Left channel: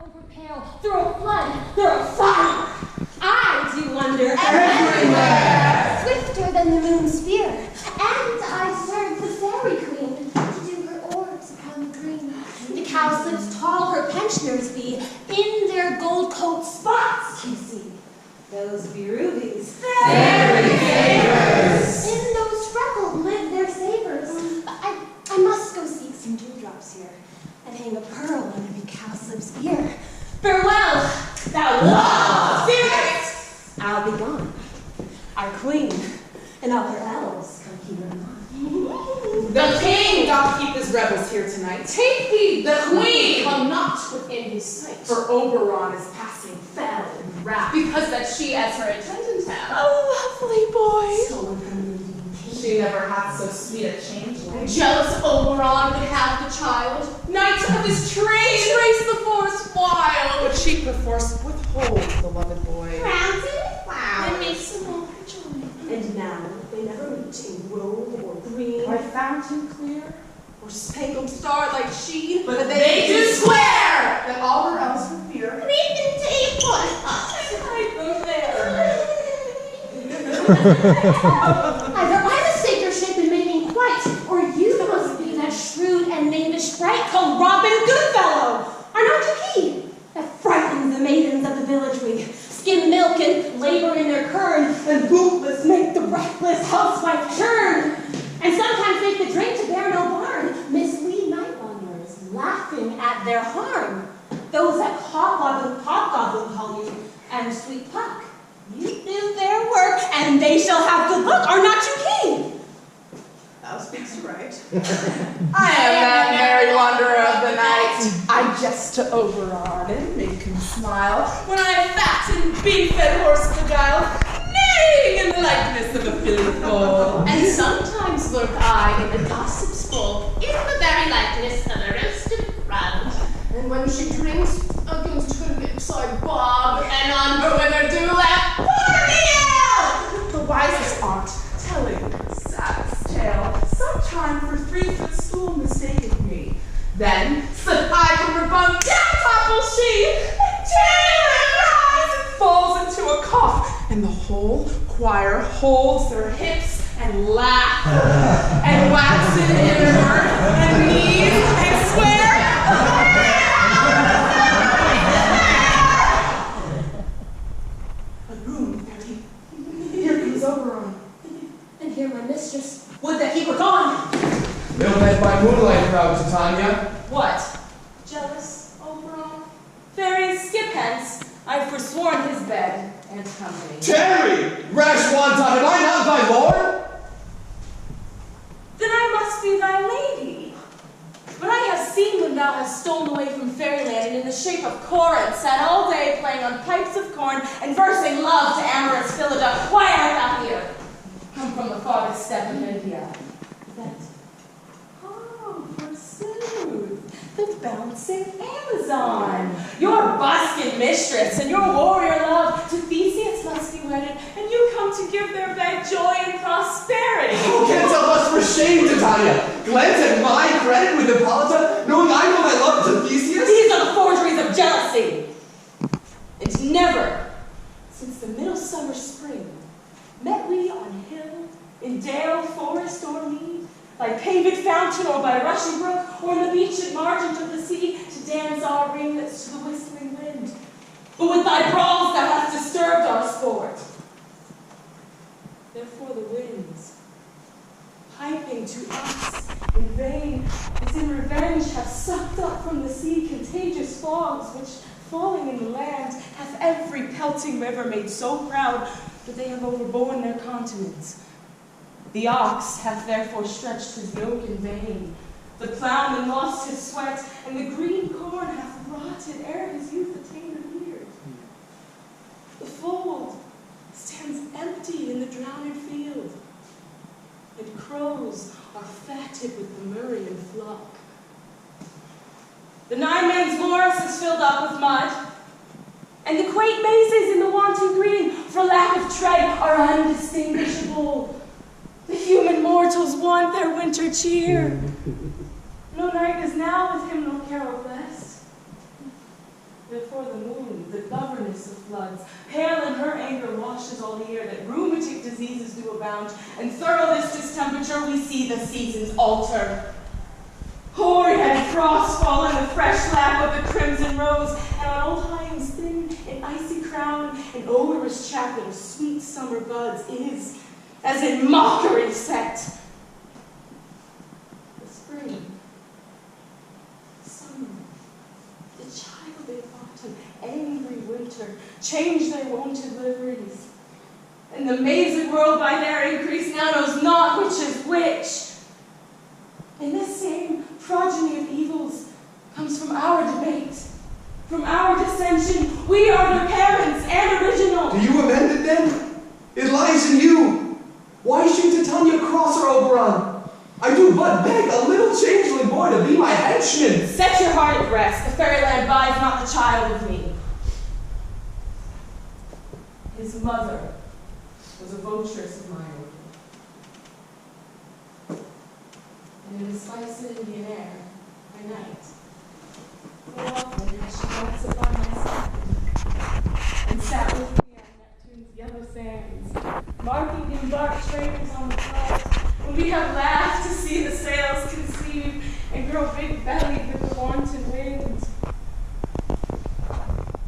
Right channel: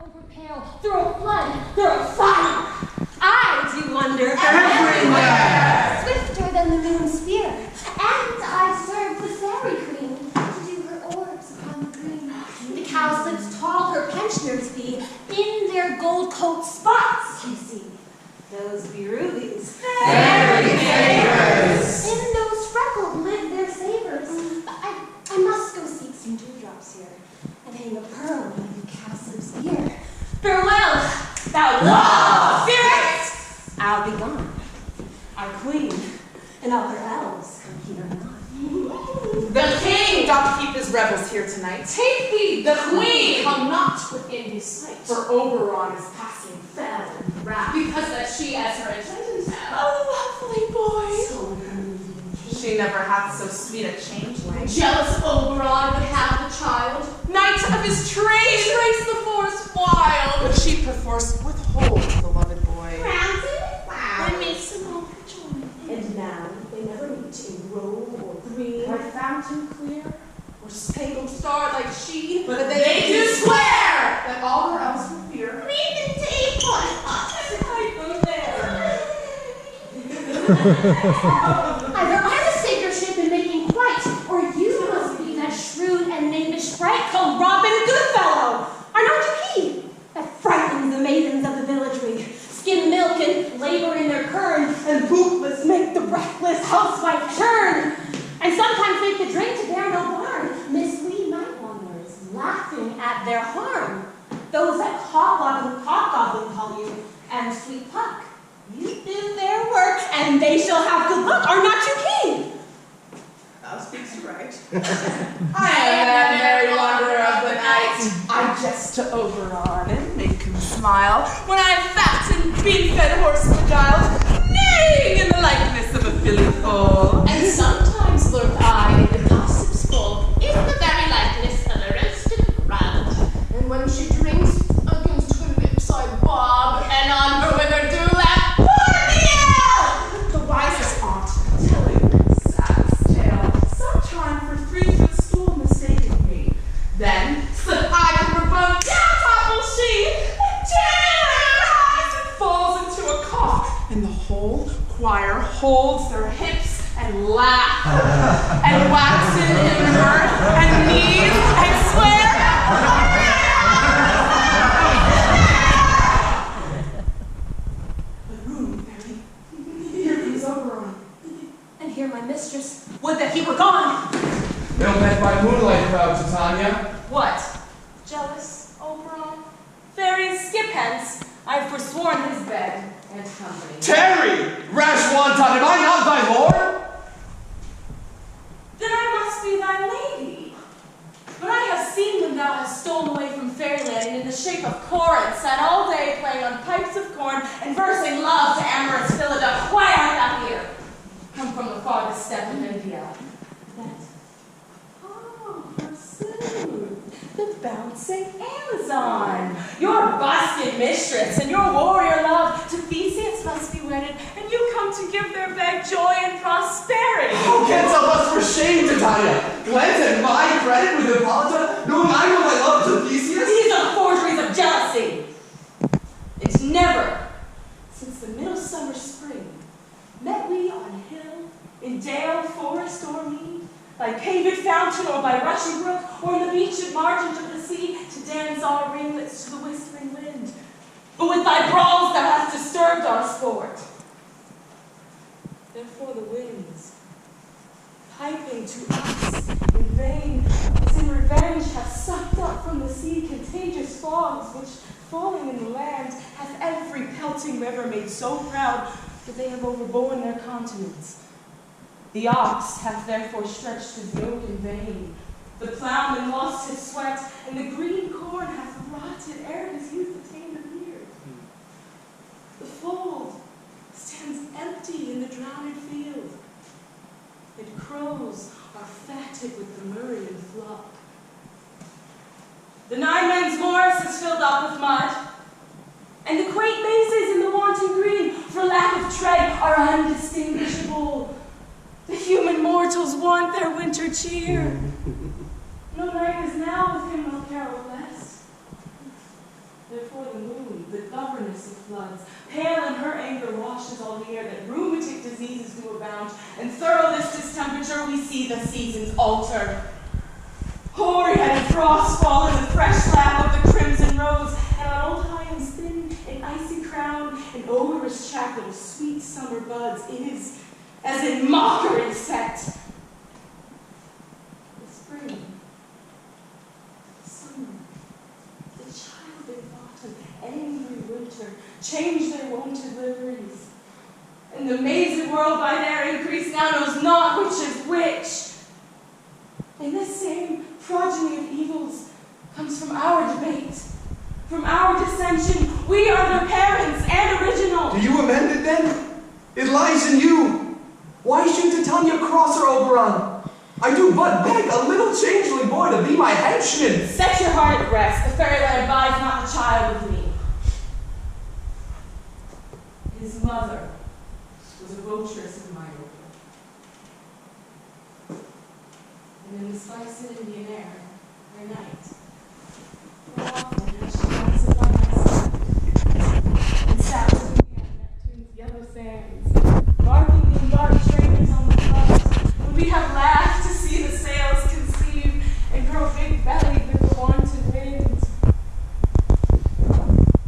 over pale, through a flood, through a fire. I do wonder everywhere, swifter than the moon's spear. And I serve the fairy queen to do her orbs upon the green. The cowslips tall her pensioners be, in their gold coat spots, you see. Those be rubies. Fairy favors. In those freckled live their savors. I must go seek some dewdrops here and hang a pearl on every cowslip's ear. Farewell, thou law spirit! I'll be gone. Our queen and all her elves come here anon. The king doth keep his rebels here tonight. Take heed, the queen come not within his sight. For Oberon is passing fell and wrath, because that she as her attendant hath. Oh, lovely boy. So unbelieving king. She never hath so sweet a changeling. Jealous Oberon would have the child. Knight of his train, race the forest wild. But she perforce withholds the loved boy. Round And makes them all her joy. and now they never meet in grove or green, By fountain clear, or spangled star like she, But they do swear that all her elves for fear. Creep into a pot. I go there. either I'm a saker ship in making quite, or you must be that shrewd and knavish sprite called Robin Goodfellow. Are not you he that frightens the maidens of the villagery, skim milk and labor in their kern, and bootless make the breathless housewife churn, and sometimes make the drink to bear no barn, mislead night wanderers, laughing at their harm. Those that hobgoblin call you, and sweet Puck, you do their work, and they shall have good luck. Are not you king? Thou speaks right. I am that merry wanderer of the night. I jest to Oberon and make him smile when I am fat and bean-fed horse beguiled, neighing in the likeness of a filly foal. And sometimes lurk I in the gossip's bowl, in the very likeness of a roasted crab. And when she drinks, against her lips I bob, and on her withered dewlap, pour me out! The wisest aunt, telling saddest tale, sometime for 3-foot stool mistaken me. Then slip I from her bunk, down topple she, and tears and falls into a cough, and the whole choir holds their hips and laugh, and wax in her and knees and swear. A room, Mary. Here comes Oberon. And here my mistress, would that he were gone. No bed by moonlight, proud Titania. What? Jealous, Oberon? Fairies, skip hence. I've forsworn his bed and company. Tarry, rash wanton, am I not thy lord? Then I must be thy lady. But I have seen when thou hast stolen away from fairyland and in the shape of Corinth sat all day playing on pipes of corn and versing love to amorous Philida. Why art thou here? Come from the farthest steppe of India. Forsooth, the bouncing Amazon, your buskin mistress and your warrior love to Theseus must be wedded, and you come to give their bed joy and prosperity. Who can tell us for shame, Titania? Glance at my credit with Hippolyta, knowing I know thy love to Theseus? These are the forgeries of jealousy. And never, since the middle summer spring, met we on hill, in dale, forest, or mead, by paved fountain or by rushing brook, or on the beached margin of the sea, to dance our ringlets to the whistling wind. But with thy brawls thou hast disturbed our sport. Therefore the winds, piping to us in vain, as in revenge have sucked up from the sea contagious fogs, which, falling in the land, hath every pelting river made so proud that they have overborne their continents. The ox hath therefore stretched his yoke in vain. The plowman lost his sweat, and the green corn hath rotted ere his youth attained a beard. The fold stands empty in the drowned field, and crows are fatted with the Murrian flock. The Nine Men's Morris is filled up with mud, and the quaint mazes in the wanton green, for lack of tread, are undistinguishable. The human mortals want their winter cheer. No night is now with him, no carol blessed. No the governess of floods. Pale in her anger washes all the air, that rheumatic diseases do abound, and thorough this distemperature we see the seasons alter. Hoary had frost fall in the fresh lap of the crimson rose, and on old Highland's thin and icy crown, an odorous chaplet of sweet summer buds is, as in mockery set. The spring, summer, the childing autumn, angry winter, change their wonted liveries, and the mazed world by their increase now knows not which is which. And this same progeny of evils comes from our debate, from our dissension. We are their parents and original. Do you amend it then? It lies in you. Why should Titania cross her Oberon? I do but beg a little changeling boy to be my henchman. Set your heart at rest. The fairyland abides not the child of me. His mother was a votress of mine. And in the spice of Indian air, by night, so often has she danced by my side, and sat with me on Neptune's yellow sands, marking the embarked traders on the flood, when we have laughed to see the sails conceive, and grow big-bellied with the wanton wind.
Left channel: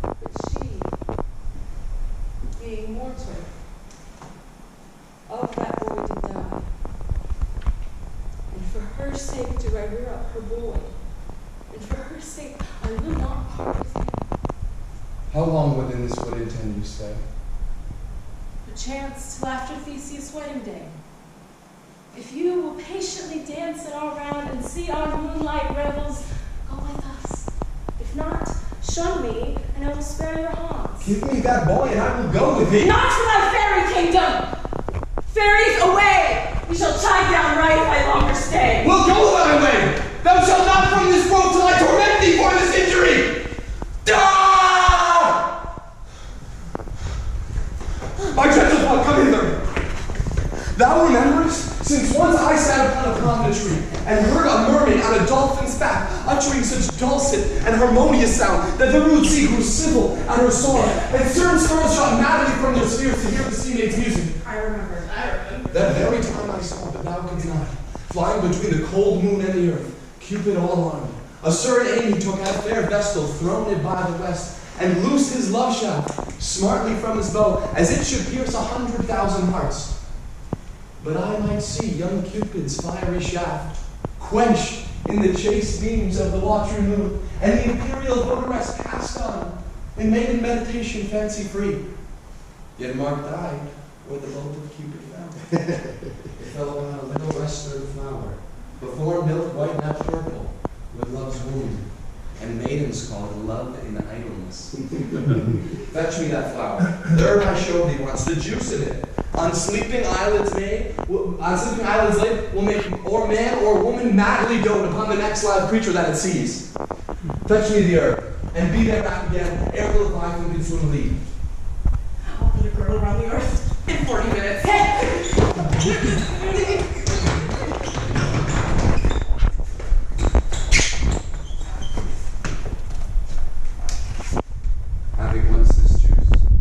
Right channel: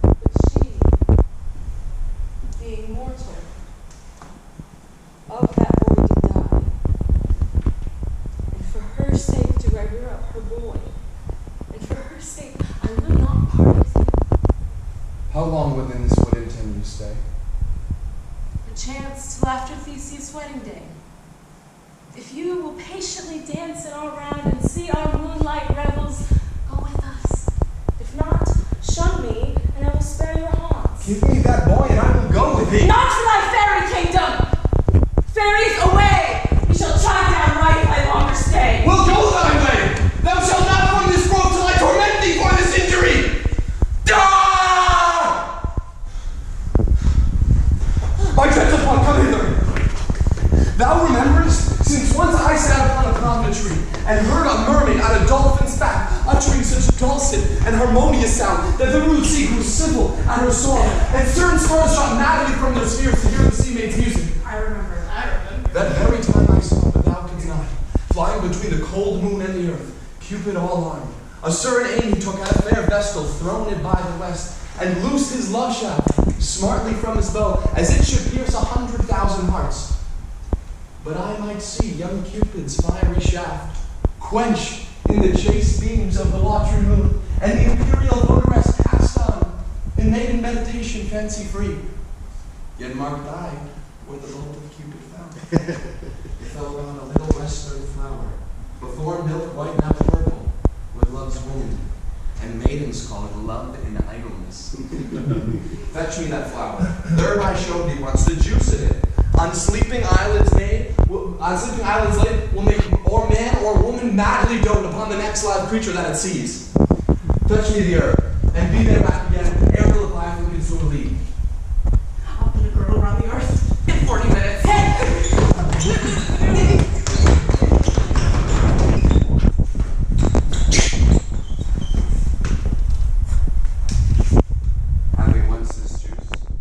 But she, being mortal, of that boy did die. For her sake do I rear up her boy, and for her sake I will not part with him. How long within this wood intend you stay? Perchance till after Theseus' wedding day. If you will patiently dance in our round and see our moonlight revels, go with us. If not, shun me, and I will spare your haunts. Give me that boy, and I will go with thee. Not to thy fairy kingdom! Fairies, away! We shall chide down right if I longer stay. Well, go thy way! Thou shalt not from this grove till I torment thee for this injury! Ah! My gentle one, come hither. Thou rememberest, since once I sat upon a prominent tree, and heard a mermaid on a dolphin's back, uttering such dulcet and harmonious sound, that the rude sea grew civil at her song, and stern storms shot madly from their spheres to hear the sea maid's music. I remember. That very time I saw, but thou couldst not, flying between the cold moon and the earth, Cupid all armed, a certain aim he took at a fair vestal, thrown it by the west, and loosed his love shaft smartly from his bow, as it should pierce 100,000 hearts. But I might see young Cupid's fiery shaft quenched in the chaste beams of the watery moon, and the imperial votaress passed on in maiden meditation fancy free. Yet marked I where the bolt of Cupid fell. It fell upon a little western flower, before milk white not purple, with love's wound, and maidens call it love in idleness. Fetch me that flower. There I showed thee once the juice in it. On sleeping eyelids laid, will make or man or woman madly dote upon the next live creature that it sees. Fetch me the herb, and be there back again ere the Leviathan can swim lead. I'll put a girdle around the earth in 40 minutes.